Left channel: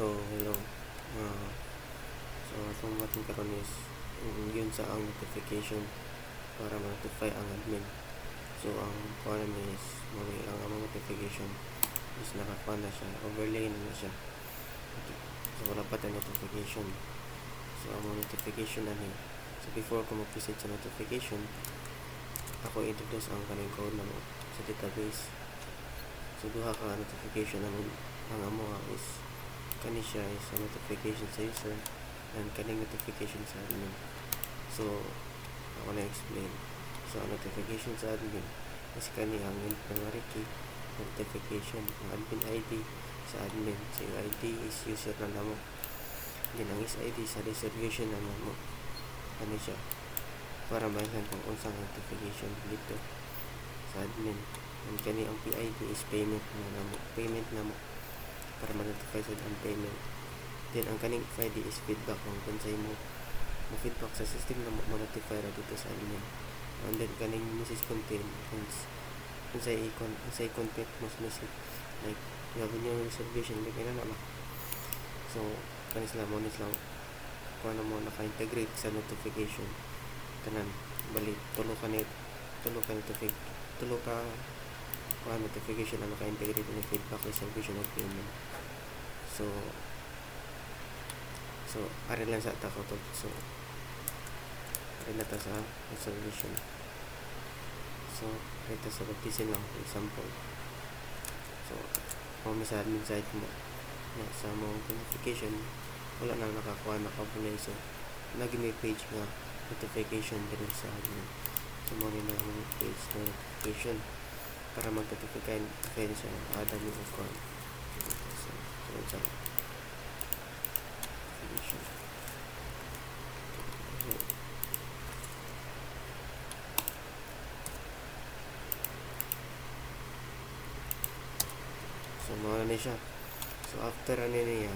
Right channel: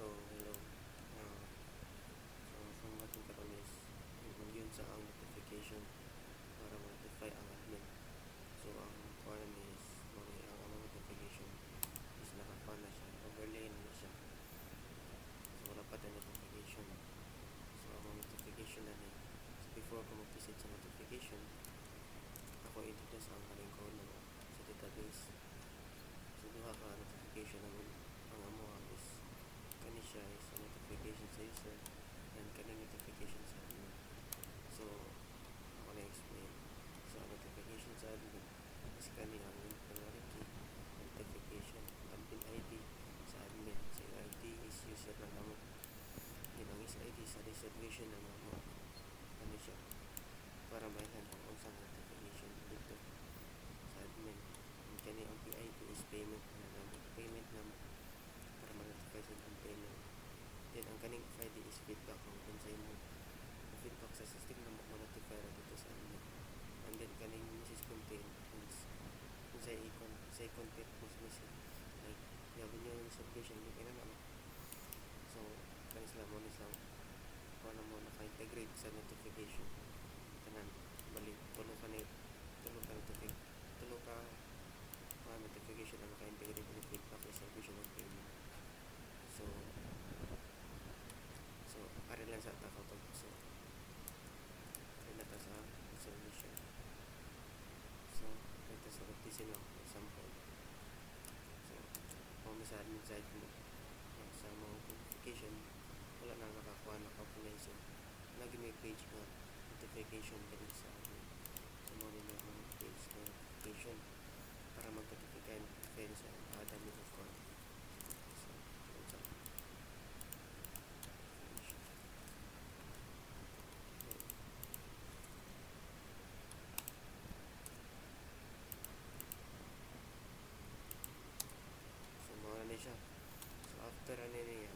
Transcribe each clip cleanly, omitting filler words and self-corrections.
So, hello. Uh, so, itong ating karon is yun sa ang notification para ma-notify ang admin. So, ang kuha is ang among notification is nakakuha na siya, overlay na siya. So, wala pa tayo notification. So, ang notification na niya. So, before ko mag-visit sa notification, ako introduce ang kaning code na mo sa database. So, duha ka notification naman ang amo is kani siya is a notification sa user and kaning notification sa admin. So, ako na explain. So, ang notification sa admin is kani ang primary key notification, ang admin ID sa admin. So, yung ID is user na namo. Then, ang is ID sa distribution na namo. Kani siya para mainhan kung unsang notification dito sa admin. And kani ang PID is payment na namo. Payment namo para ma-notify sa ang payment. Then, ang kaning FID is feedback kung kansay mo feedback sa system na ma-notify ra dito sa admin. And then, kaning message content kansay content mas message like you have your reservation like na ba. So, kanis lang kung ano mo naka-integrate sa notification tanan bali tulo ka notification na naka-integrate ng feedback, reservation, or payment. So ari lang sa tako to. So ari na ta sa reservation. So ito sa baptisin lang for example. So kung may sa admin site mo na sa mga notification wala na nakapulay. So naging page nga notification din sa admin. So mo na ang page notification para mag-notify sa adam yung account. So mawala na siya. So after ano niya,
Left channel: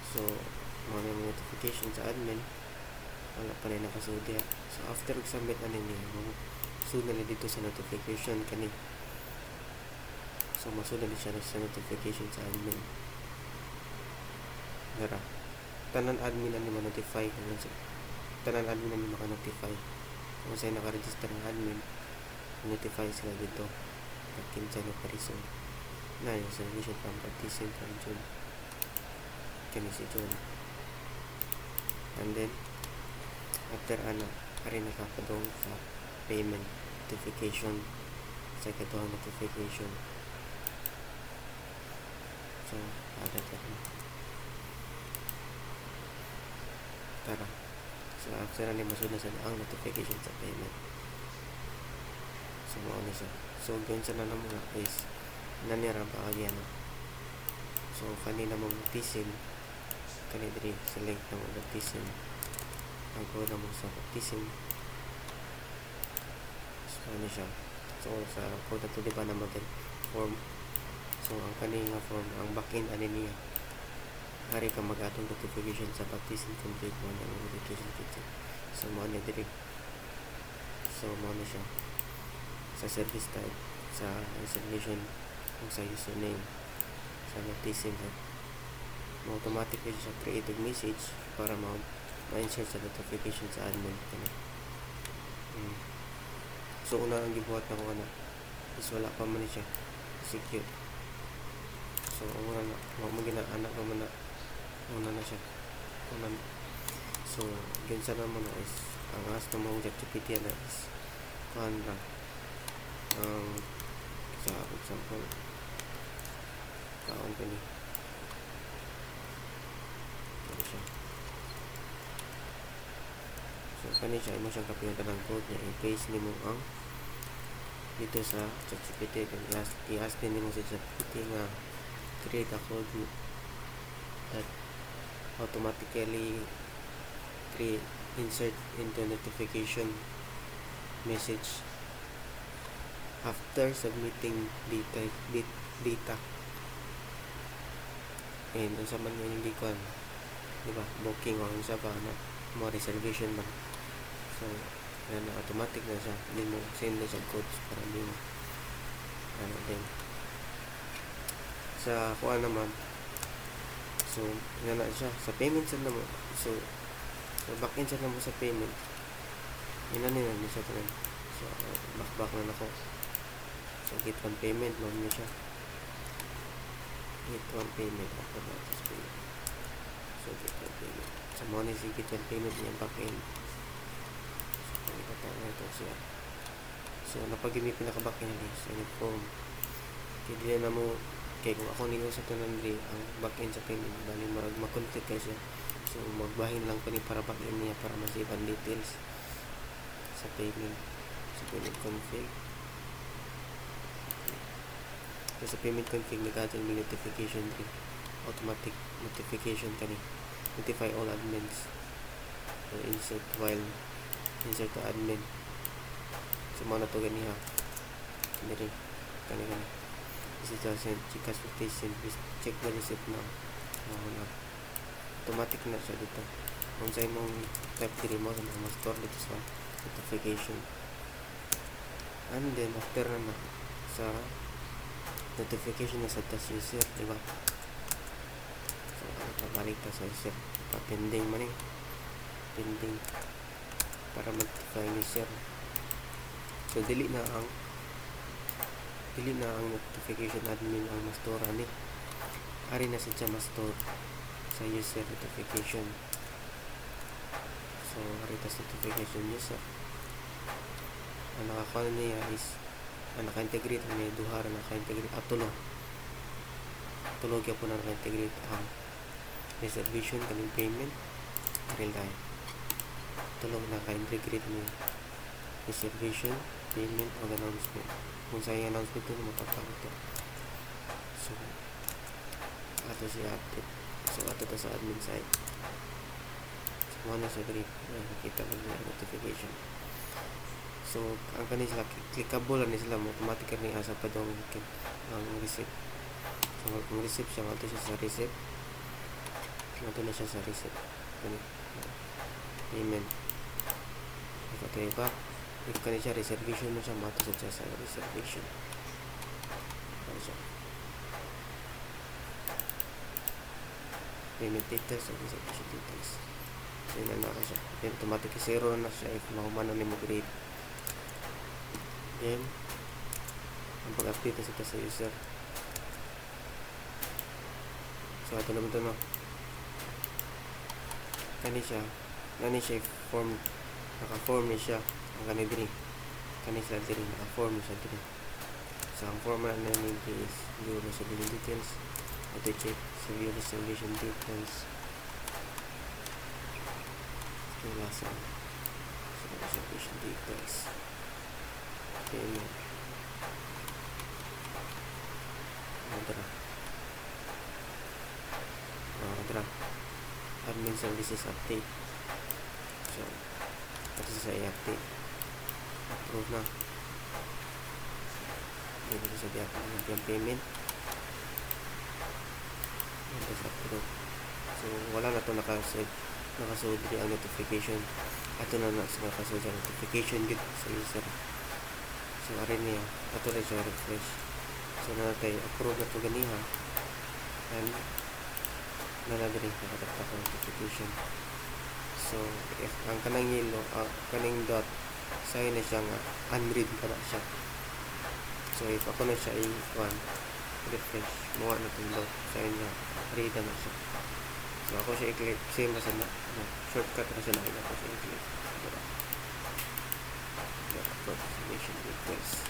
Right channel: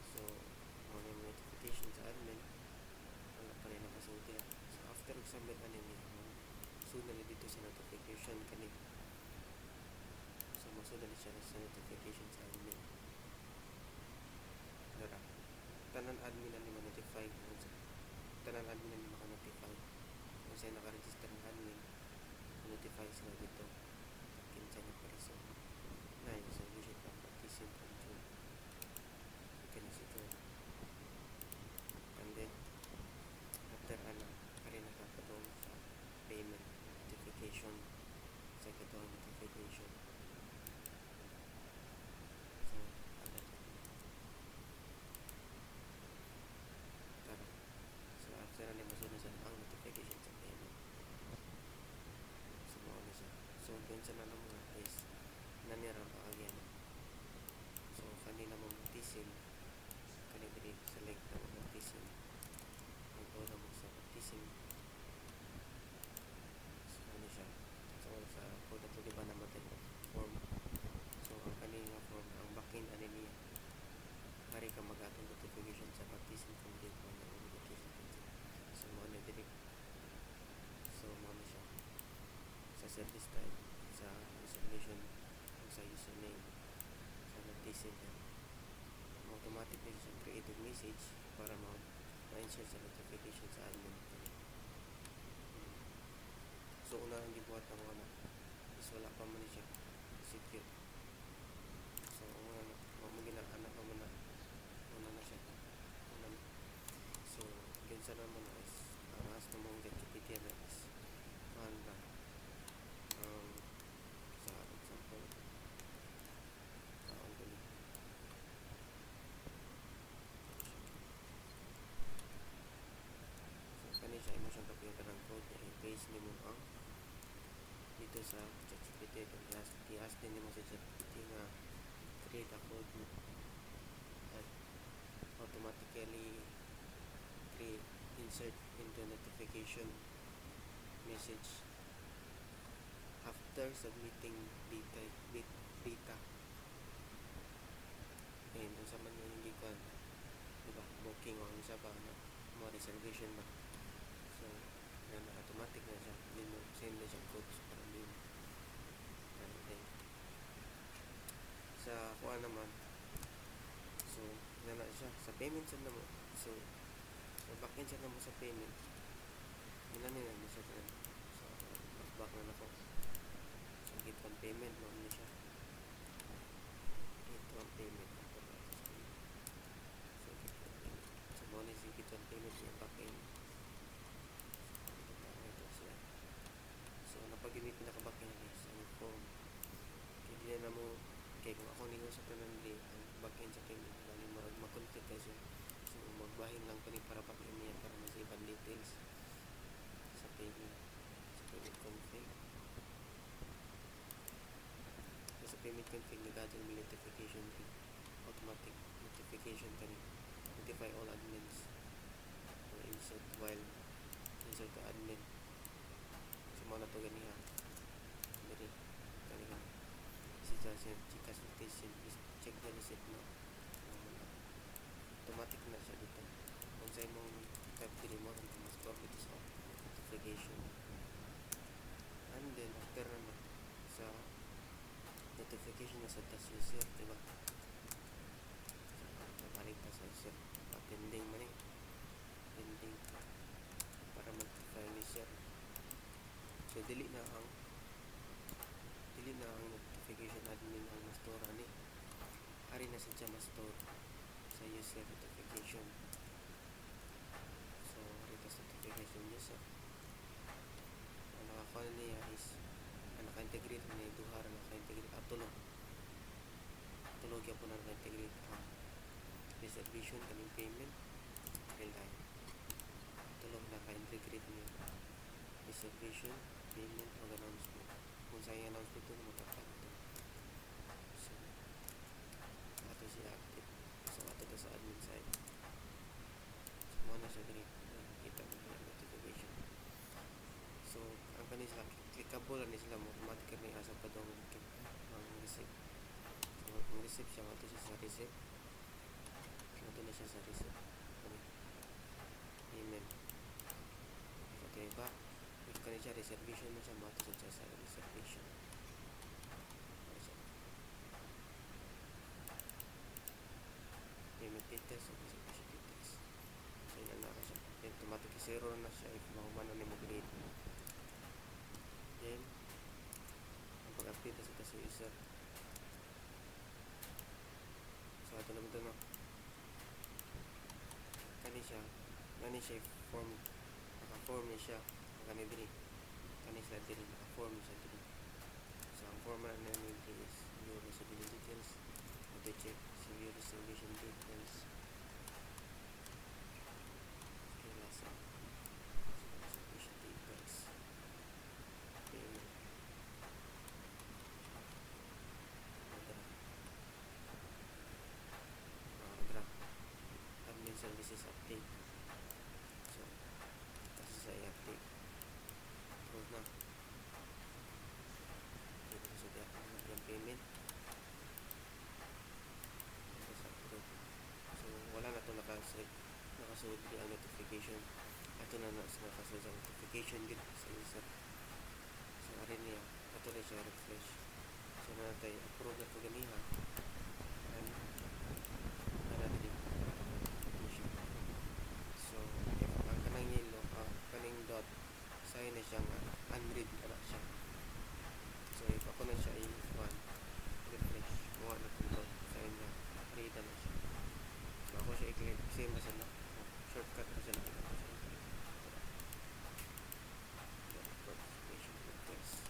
so mawala na notification sa admin, wala pa rin nakasud diya. So after submit ano niya, sunod na dito sa notification kani. So masunod na siya sa notification sa admin. Dara tanan admin na ni ma-notify tanan admin na ni maka-notify kung sa'yo naka-register ng admin notify sila dito at kinsay na parison na yung reservation from partition from June kani si June. And then after ari nakapadong sa payment notification sa katong notification. So ada tara. So after na masunod sa ang notification sa payment. So mao na siya. So ganyan sa namo nga is nanira pa agyan. So kanina mo baptism kani diri select na mo baptism ang code na mo sa baptism. So ano siya. So sa code na to diba na mo form. So ang kanina form ang backend ani niya hari ka mag-atong notification sa baptism complete mo na notification kit. So mo na diri. So mo na siya sa service type sa reservation kung sa username sa baptism mo automatically siya create a message para ma-insert sa notification sa admin kani. So una ang gibuhat na ko na is wala pa man siya secure. So una na mag-inaanak ko man na una na siya. So yun sa naman na is ang as na mga ChatGPT na is kuhan lang sa example kaon ko ni siya. So kani siya imo siyang kapiyon tanang code niya i-paste nimo ang dito sa ChatGPT then i-ask din nimo sa ChatGPT nga create a code that automatically insert into notification message after submitting data and unsa man yung gikuan diba booking or unsa pa na mo reservation man. So na automatic na siya din mo send na siya codes para din din sa kuha naman So ina na siya sa payment sa namo. So back end sa namo sa payment ina ni siya tanan. So back na nako. So get one payment mo niya siya. Get one payment after that is payment. So get one payment. So mo ni si get one payment niya back end. So ito ito siya. So napag-imi pinaka back end ni sa form. Kaya na mo kay kung ako niyo sa tanan diri ang back end sa payment bali mag-config kay siya. So magbahin lang pa ni para back end niya para ma-save ang details sa payment. Sa payment config. So sa payment config nag-add may notification tree. Automatic notification kani. Notify all admins. So insert to admin. So mo na to gani ha. Diri kani. This is just Gcash quotation. Please check the receipt now. Automatic na siya dito. Kung sa imong type diri mo sa mga store dito sa notification. And then after na sa notification na sa task user, di ba? So balik ta sa user. Pa-pending man eh. Pending para mag-notify ni user. So dili na ang notification admin ang mastora ni. Ari na siya ma-store sa user notification. So ari tas notification user. Ang nakakuha niya is ang naka-integrate ni duha ra naka-integrate tulog po na naka-integrate ang reservation kaning payment real time. Tulog na naka-integrate ni reservation payment o announcement. Kung sa yung announcement ito, matapang ito. So, ato siya update. So, ato to sa admin side. So, mana siya grip. Nakikita mo niya notification. So, ang kanin sila, clickable na sila, automatic ni asa pa daw ang receipt. So, kung receipt siya, ato siya sa receipt. Ato na siya sa receipt. Payment. Ito ba? If kani siya reservation mo siya mato sa sa reservation. Ano siya? Payment details o reservation details. So yun na siya. Then automatic zero na siya if mahuman na mo grade. Then ang pag-update na sa user. So ito naman ito no. Kani siya form naka-form ni siya. Ang kani sila diri naka-form siya diri. So ang format na nito is view reservation details. Auto check sa view reservation details. Wala sa reservation details. Payment. Dra. Admin services update. So ito sa i-update. Approve na. Dito sa di-upload yung payment. Ito sa approve. So wala na ito nakasunod ang notification. Ito na nakasunod ang notification dito sa user. So arin niya. Ito na siya refresh. So natin approve na ito ganiha. And nanadiri nakatrata ko notification. So if ang kanang yellow kaning dot sign na siya nga unread ka na siya. So if ako na siya i-1 refresh mo na itong dot sign na read na siya. So ako siya i-click same na siya na shortcut na siya na ako siya i-click approximation request.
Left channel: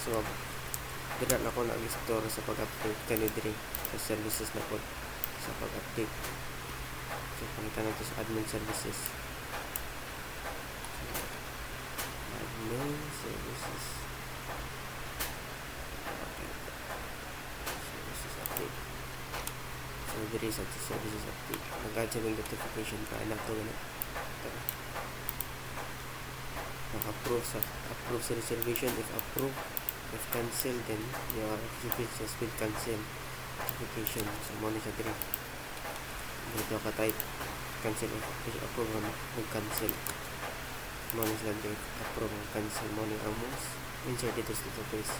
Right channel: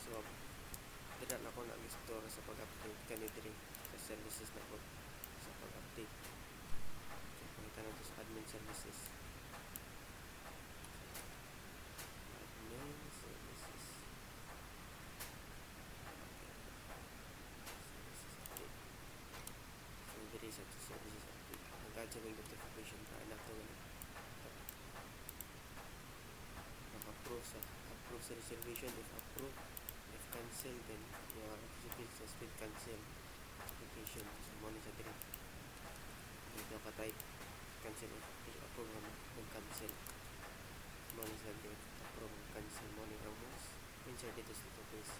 So dira na ako nag-store sa pag-update kanidri sa services na po sa pag-update. So pangitan natin sa admin services. So, admin services. Okay. Services update. So diri sa services update. Nag-add siya ng notification pa na ito ganun. Approve sa reservation. If approve, if cancel, then your reservation has been cancel notification. So mo na siya diri dito ka type cancel if approve mo mag-cancel mo na sila diri approve cancel mo na ang mouse insert dito sa database.